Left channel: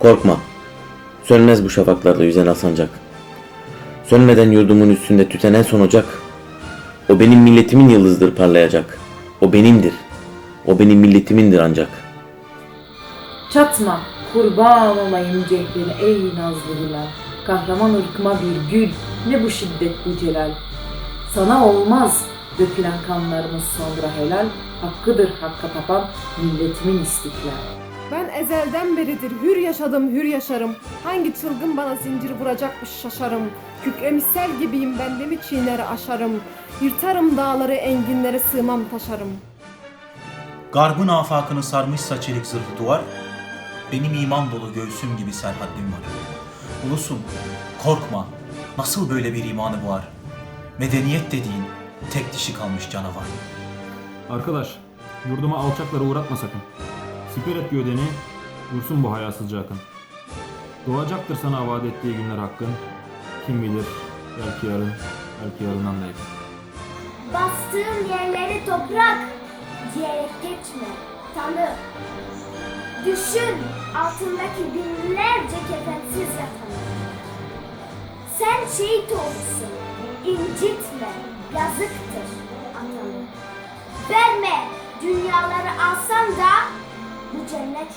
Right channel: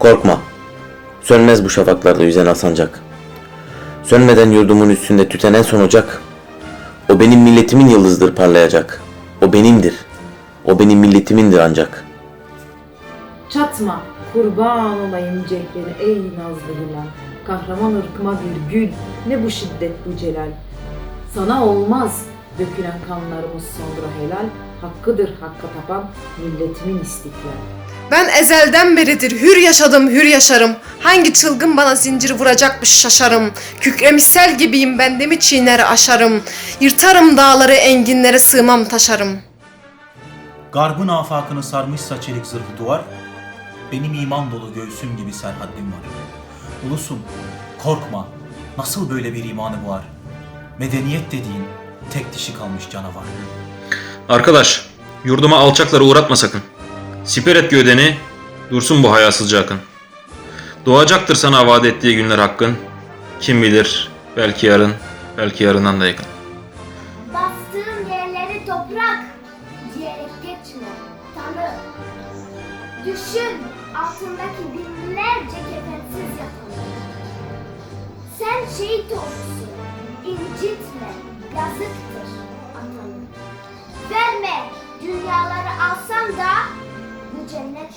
Korkma. Sönmez bu şafaklarda yüzen asancak. Sönmeden yurdumun üstünde tüten en son ocak. O benim milletimin yıldızdır parlayacak. O benimdir. O benim milletimindir ancak. Çatma, kurban olayım cehline ey nazlı hilal. Kahraman ırkıma bir gül, ne bu şiddet bu celal. Sana olmaz dökülen kanlarımız sonra helal. Hakkıdır hakka tapan milletimin istiklal. Ben ezelden beridir hür yaşadım hür yaşarım. Hangi çılgın bana zincir vuracakmış şaşarım. Kükremiş sel gibiyim ben de mi çiğner aşarım. Yırtarım dağları enginlere sığmam taşarım. Garbın afakını sarmışsa çelik zırhlı duvar, benim iman dolu göğsüm gibi serhaddim var. Ulusum, korkma, nasıl böyle bir imanı var? Medeniyet dediğin tek dişi kalmış canavar. Arkadaş, yurduma alçakları uğratma sakın. Siper et gövdeni, dursun bu hayasızca akın. Doğacaktır sana vaat ettiği günler hakkın. Kim bilir, belki yarın, belki yarından da yakın. Bastığın yerleri toprak diyerek geçme. Tanı. Düşün altındaki binlerce kefensiz yatanı. Sen şehit olursun. incitme. Yazıktır atanı. Verme dünyaları alsam da bu cennet.